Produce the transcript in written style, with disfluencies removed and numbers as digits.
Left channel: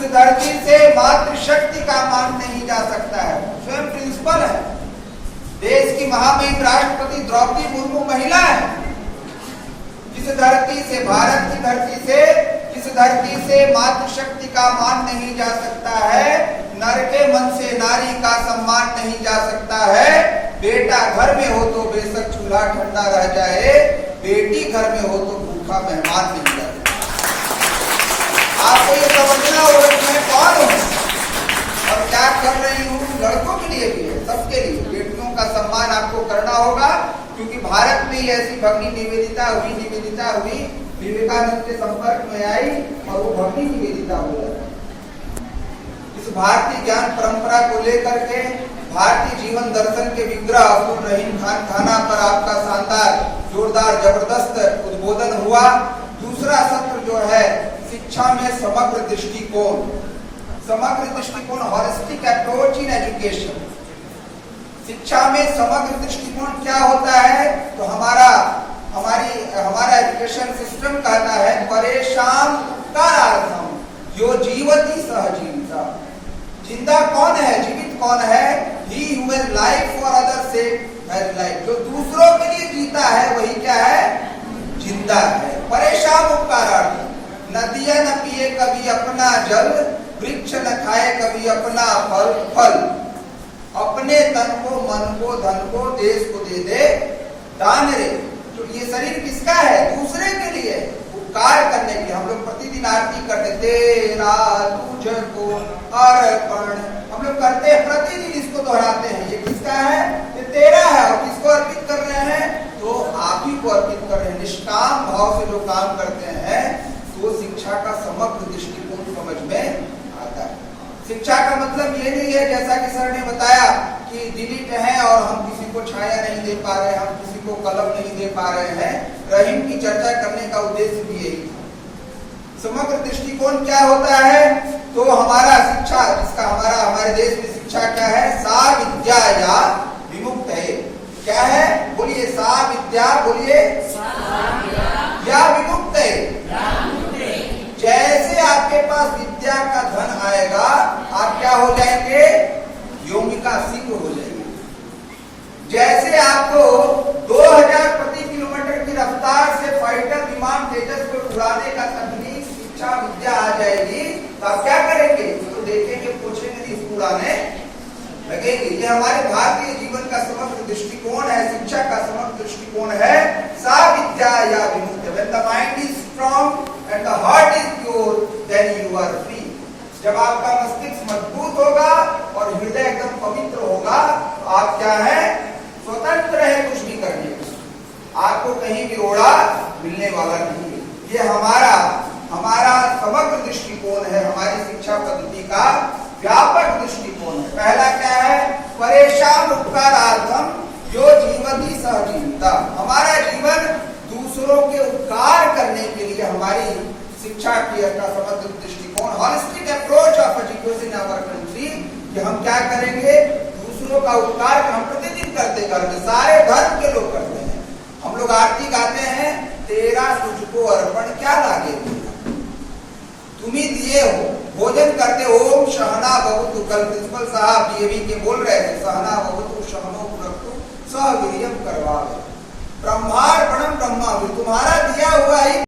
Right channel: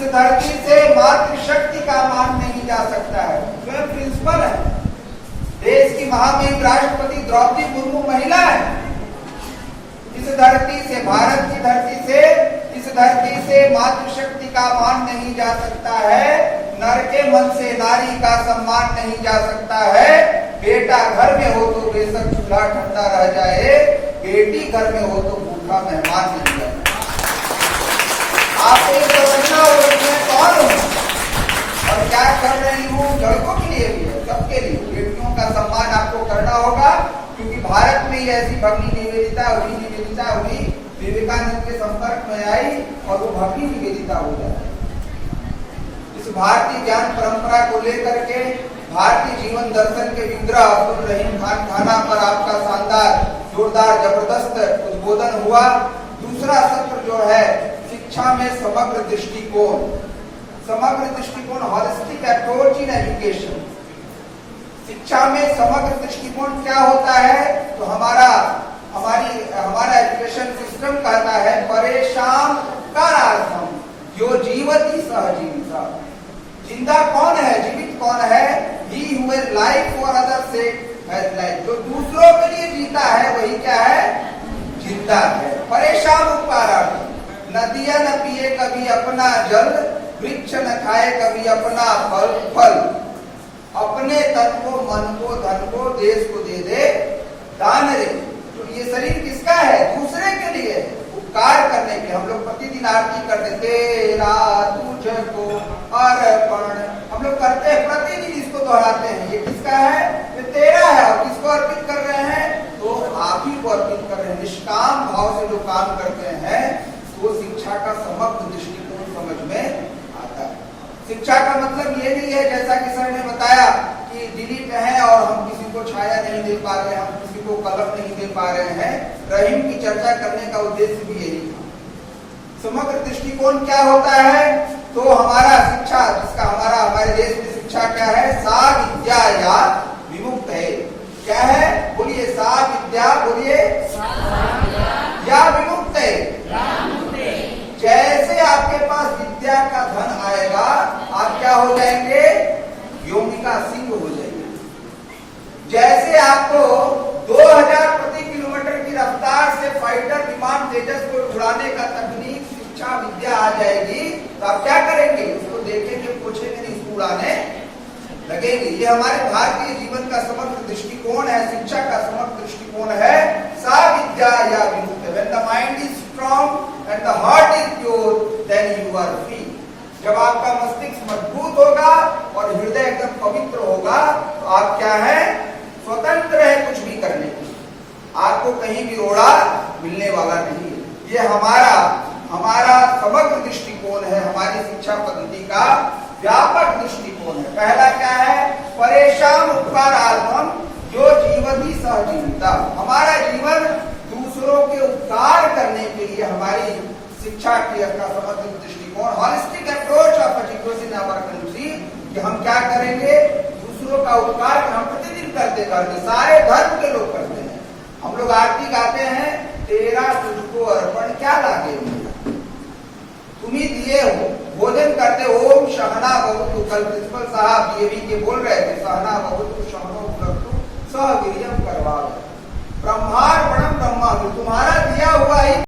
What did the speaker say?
इस धरती से मातृशक्ति का मान नहीं जा सकता है। स्वयं प्रिंसिपल है, देश की महामहिम राष्ट्रपति द्रौपदी मुर्मू महिला है। इस धरती से, भारत की धरती से, इस धरती से मातृशक्ति का मान नहीं जा सकता है। नर के मन से नारी का सम्मान नहीं जा सकता है। बेटा घर में हो तो बेशक चूल्हा ठंडा रह जाए, बेटी घर में हो तो भूखा मेहमान नहीं जाए। आपको ये समझना होगा कि मैं कौन हूँ और क्या कर रही हूँ। लड़कों के लिए भी है, सबके लिए। बेटियों का सम्मान आपको करना होगा, क्योंकि भारत में ऐसी भगनी निवेदिता हुई, विवेकानंद के संपर्क में आई और वो भगनी निवेदिता हो जाए। इस भारतीय ज्ञान परंपरा को लेकर के भारतीय जीवन दर्शन के विग्रह अब्दुल रहीम खान खाना पर आपका शानदार, जोरदार, जबरदस्त उद्बोधन हुआ। दूसरा सत्र जो है शिक्षा में समग्र दृष्टिकोण, हॉलिस्टिक अप्रोच इन एजुकेशन। शिक्षा में समग्र दृष्टिकोण क्या होता है? तो हमारा एजुकेशन सिस्टम कहता है परेशान उपकारार्थम जो जीवति सह जीविता। जिंदा कौन है, जीवित कौन है? He who is life for other से हैज लाइफ। जो दूसरों के लिए जीता है वही क्या है? जिंदा है। परेशान उपकारार्थम। नदियां न पिए कभी अपना जल, वृक्ष न खाए कभी अपना फल। अपने तन को, मन को, धन को देश को दे दे दान रे। तो ये शरीर किसका है? दूसरे के लिए, उपकार करने के लिए। हम लोग प्रतिदिन आरती करते, तेरा तुझको अर्पण, हम लोग करते हैं, प्रतिदिन इसको दोहराते हैं। ये किसका है? ये तेरा है। और किसको अर्पित कर रहे हैं? तो आप ही को अर्पित कर रहे हैं। निष्काम भाव से जो काम करते हैं तो शिक्षा का समग्र दृष्टिकोण समझ में आता है। शिक्षा का मतलब ये नहीं है, जैसा कि सर ने बताया, कि दिलीप है और हम किसी को छाया नहीं दे पा रहे हैं, हम किसी को कलम नहीं दे पा रहे हैं। रहीम की चर्चा करने का उद्देश्य भी यही था। समग्र दृष्टिकोण क्या होता है? तो हमारा शिक्षा, जिसका हमारे देश में शिक्षा क्या है? सा विद्या या विमुक्त है। क्या है? बोलिए, सा विद्या, बोलिए, या विमुक्त है। जैसे आपके पास विद्या का धन आएगा, आप क्या हो जाएंगे? योमिका सिंह हो जाएंगे। जैसे आपको 2000 प्रति किलोमीटर की रफ्तार से फाइटर विमान तेजस को उड़ाने का तकनीक, शिक्षा, विद्या आ जाएगी, तो आप क्या करेंगे? उसको देखेंगे, पूछेंगे, नहीं, इसको उड़ाने लगेंगे। ये हमारे भारतीय जीवन का समग्र दृष्टिकोण है, शिक्षा का समग्र दृष्टिकोण है। सा विद्या या विमुक्त। When the mind is strong and the heart is pure, then you are free. जब आपका मस्तिष्क मजबूत होगा और हृदय एकदम पवित्र होगा, तो आप क्या है? स्वतंत्र है कुछ भी करने को। आपको कहीं भी रोड़ा मिलने वाला नहीं है। ये हमारा समग्र दृष्टिकोण है, हमारी शिक्षा पद्धति का व्यापक दृष्टिकोण है। पहला क्या है? परेशान उपकारार्थम जो जीवति सह जीविता। हमारा जीवन दूसरों के उपकार करने के लिए हमारी शिक्षा की का समग्र दृष्टिकोण, holistic approach of education in our country, कि हम क्या करेंगे? दूसरों का उपकार हम प्रतिदिन करते, सारे धर्म के लोग करते हैं। हम लोग आरती गाते हैं, तेरा तुझको अर्पण क्या लागे, तुम ही दिए हो। भोजन करते, ओम सहना भवतु। कल प्रिंसिपल साहब डीएवी के बोल रहे थे, सहना भवतु सहनो भुनक्तु सह वीर्यम करवा। ब्रह्मार्पणम ब्रह्मा, तुम्हारा दिया हुआ ही